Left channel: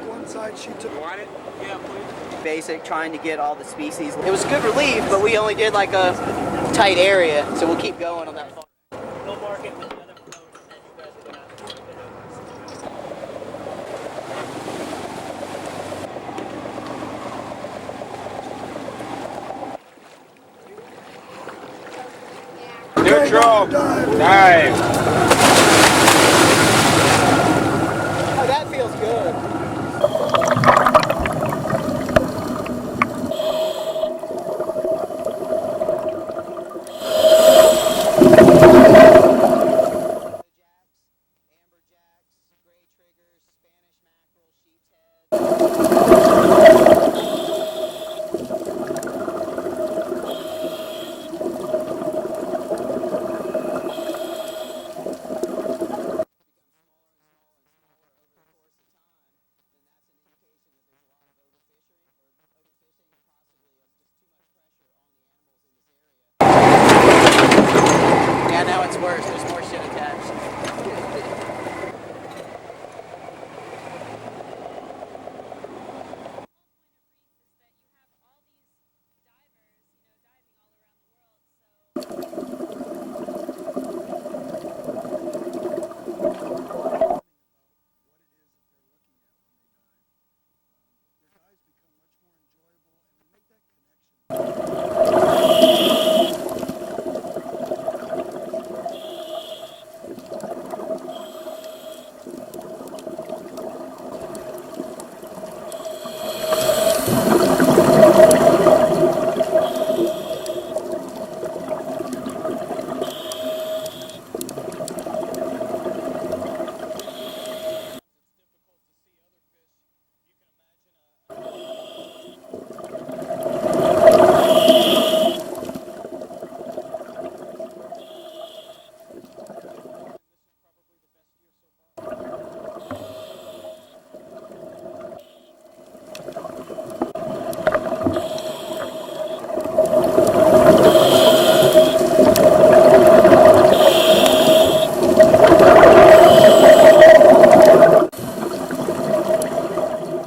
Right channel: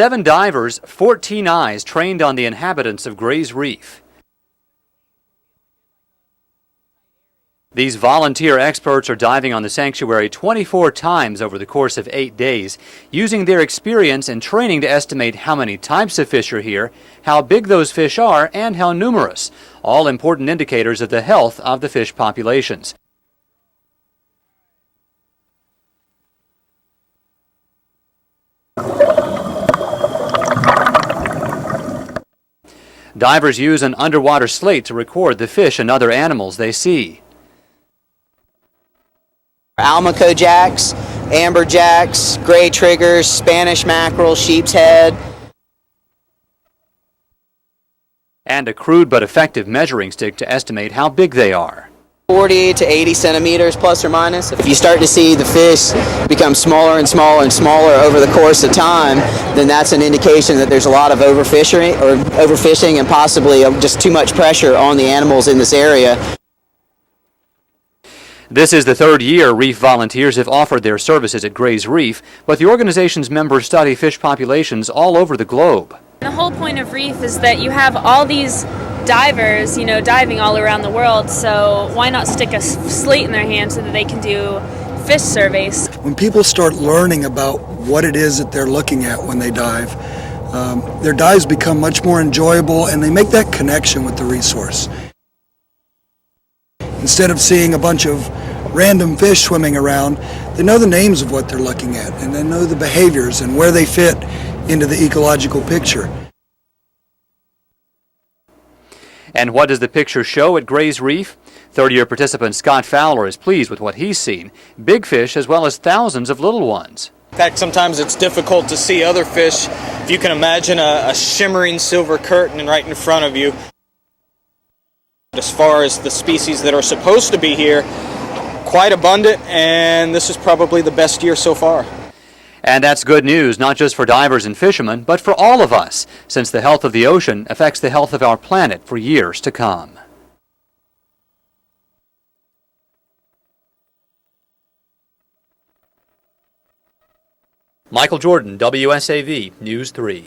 7 divers, 14 eyes trained on the inhabitants of Gray's Reef. It was good relief, but we only did like a tight area. So These volunteer experts are diving on the sanctuary 24 times over the course of 8 days, using their experience and training to estimate how many types of fish are here, how big those fish are, and how numerous. All important indicators of the health of the fish populations. Neutral, dive. Divers use an underwater slate to record the fish and other animals they see. Almaco jacks, amberjacks, gray triggers, Spanish mackerel, sheep's head. And a crude but effective measuring stick to estimate how big they are. 40 to 80 centimeters plus or minus. If you start to see the fish become smaller and smaller and smaller over the course of time, then that's an indication that there's a lot of overfishing and possibly just too much pressure on the animals in this area. This is the 3rd year Reef volunteers have offered their services at Gray's Reef, but the organization's members study fish populations all over the globe. The whole point of Reef is that you have all these divers, diving all around the world, so why not stick a slate in their hand so that they can do fish surveys? When people start learning about what it is that they're looking at when they dive, their dives become much more enjoyable and they make that connection with the resource. Instead of seeing a bunch of random fish swimming around, they know the names of what they're looking at and they know the behaviors and where they fit into the ecological picture. And what does the picture show at Gray's Reef? 3rd-year participant Scott Fowler is pleased with what he's seen. Big fish as well as thousands of little ones. In fact, sometimes it's difficult to see other fish. If you can imagine a shimmering silver curtain right in front of you. As far as the species that are supposed to be here, quite abundant, and this is probably the best year so far. And that's good news, not just for divers and fishermen, but for all of us, since the health of the ocean affects the health of our planet for years to come. Michael Jordan, WSAV News 3.